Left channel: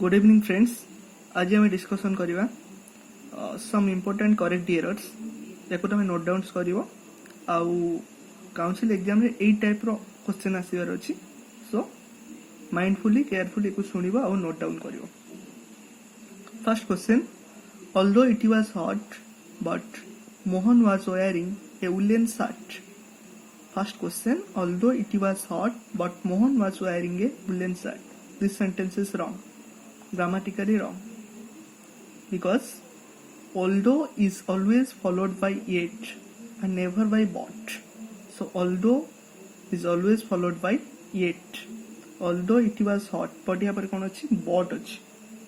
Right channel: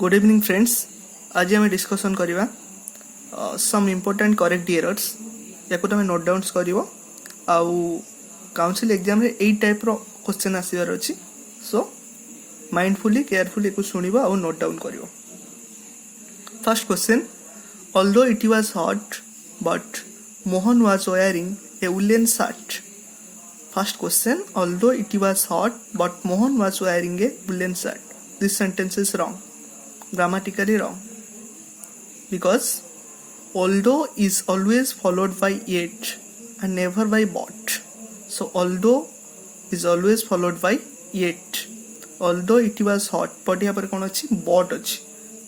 Good evening friends. आज आम discussion करवा सम इम्पोर्टेंट करेक्ट एरर्स या तुम नोट डाउन्स कर काउंसिल एग्जाम रे एई टाइप रो क्वेश्चन आसीबार अछि। सो माइंडफुली केयरफुली को सुनिबो और नोट डाउन करिवो। First question, although it was hot but Mohan was wearing a woollen shirt. First question, although it was hot but Mohan was wearing a woollen shirt. This sentence is wrong, grammatically wrong, because although is always followed by yet and never by but. So although is always followed by yet. Although it was hot, but यहाँ पर कौन अच्छी but अच्छी,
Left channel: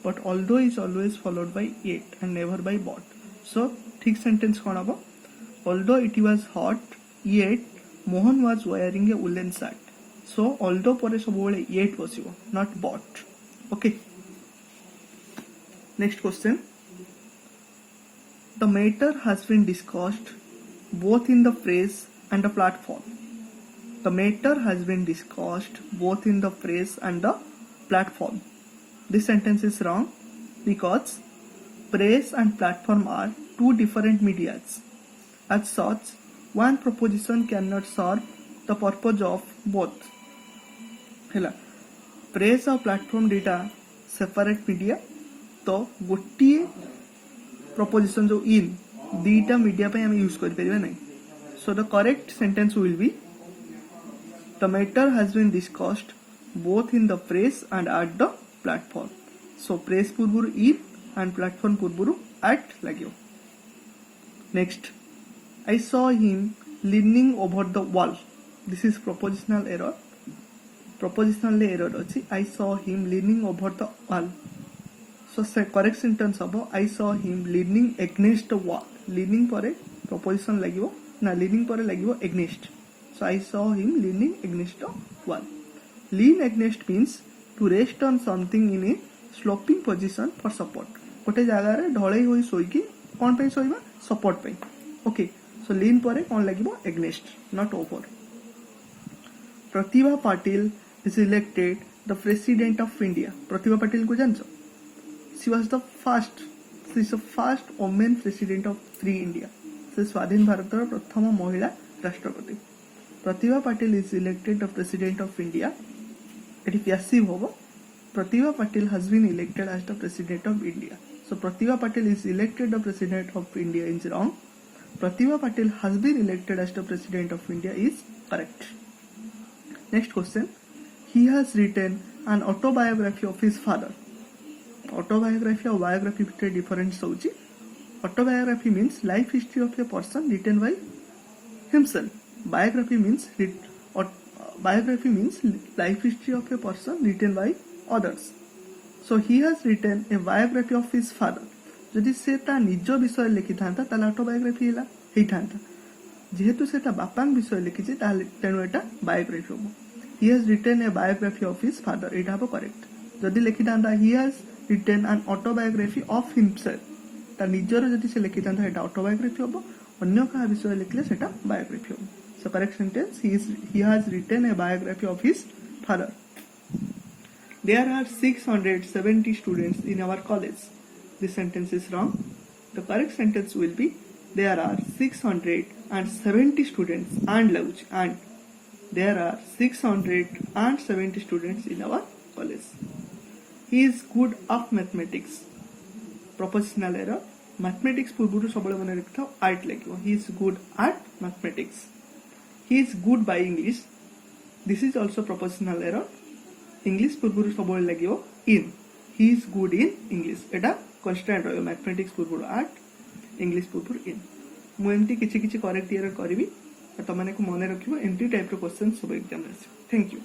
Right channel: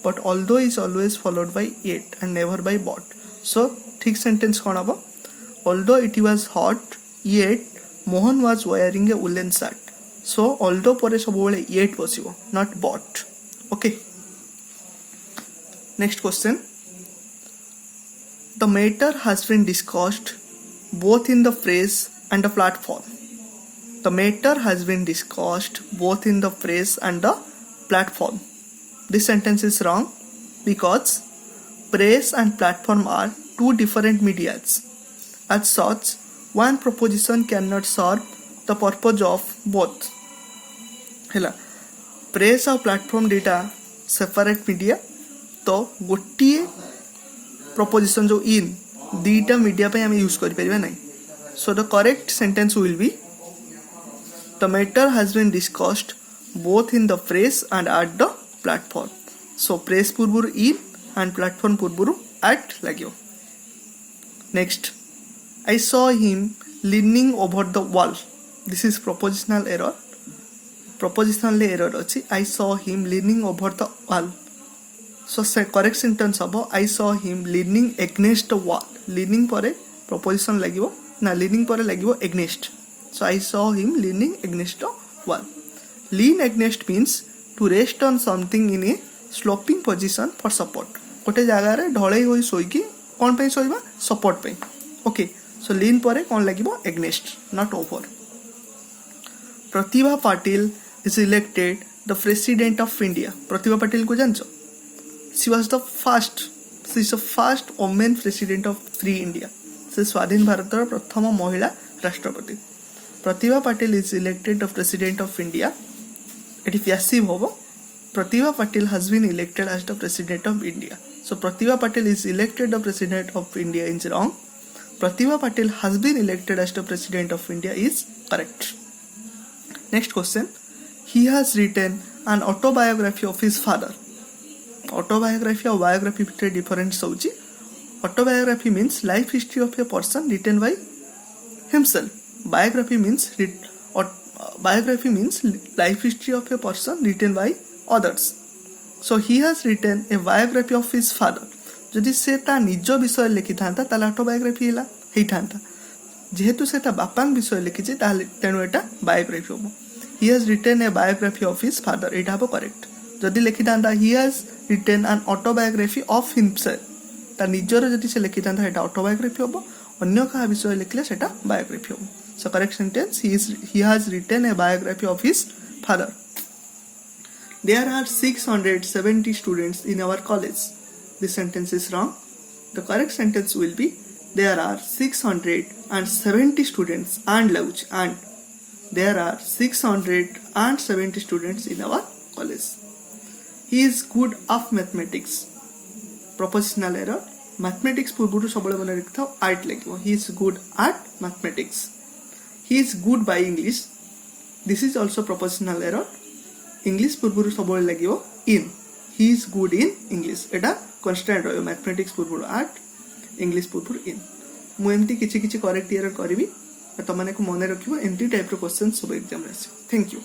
but although is always followed by yet and never by but. So ठीक sentence कौन अब? Although it was hot yet Mohan was wearing a woolen shirt. So although परे सब बोले yet बसिबो, not but. Okay. Next question. The matter has been discussed both in the phrase and the platform. The matter has been discussed both in the phrase and the platform. This sentence is wrong because phrase and platform are two different medias. As such, one proposition cannot serve the purpose of both. है press और platform data separate media, तो गोटे preposition जो इन दीटा media पे हमें use कर परिबा नहीं. So the correct sentence will be the matter has been discussed both in the press and at the platform. So press पूर्व इन एंड प्लेटफॉर्म पूर्व एट लगे. Next, I saw him leaning over the wall. This is prepositional error. Prepositional error अच्छी. I saw him leaning over the wall. So correct sentence हम I saw him leaning against the wall. Leaning पर preposition लगे ना, leaning पर लगे against. So I saw him leaning against the wall. Lean against means to rest on something in a sloping position for support. गोटे जगार ढलई हो शोईकी कौन पे शोइबा? सपोर्ट पे. ओके. सो लीन पर कौन लगे? Against, not over. Pratibha Patil is elected the president of India. Pratibha Patil को जानছো? She was the first. She is the first woman president of free India. से स्वाधीन भारत प्रथम महिला राष्ट्रपति. Pratibha Patil is elected the president of India. एटी पैसिव होबो. Pratibha Patil has been elected as the president of India. So Pratibha Patil is elected the president of India is wrong. Pratibha Patil has been elected as the president of India is correct. Next question. He has written an autobiography of his father. Autobiography और biography between difference होची. Autobiography means life history of a person written by himself. Biography means life history of a person written by others. So he has written a biography of his father. जदि से ता निज विषय लिखि थांता ताले autobiography हैला हेई थांता. जेहेतु से ता बापांग विषय लिखिचे ताले तेनु एटा बायोग्राफी होबो. He has written a biography of his father. It have correct. जदि लिखि थांता he has written an autobiography of himself. ता निजर जदि से लिखि थांता एटा ऑटोबायोग्राफी होबो. अन्य का विषय लिखले सेटा बायोग्राफी होबो. So correct sentence, he has written a biography of his father. There are 670 students in our college. This sentence is wrong. The correct sentence will be there are 670 students and there are 670 students in our college. He is good of mathematics. Propositional error. Mathematics पूर्व सब बने लिखता हूँ art लगे. He is good at mathematics. He is good by English. This is also propositional error. English पूर्व सब लगे in. He is good in English. Etah constant रहो. Mathematics पूर्व at, English पूर्व in. मु एमती किछि किछि करेक्ट एरर करबी. तुमने को मन रखिबो एंटी टाइप रो क्वेश्चन सब एग्जाम रे. Thank you.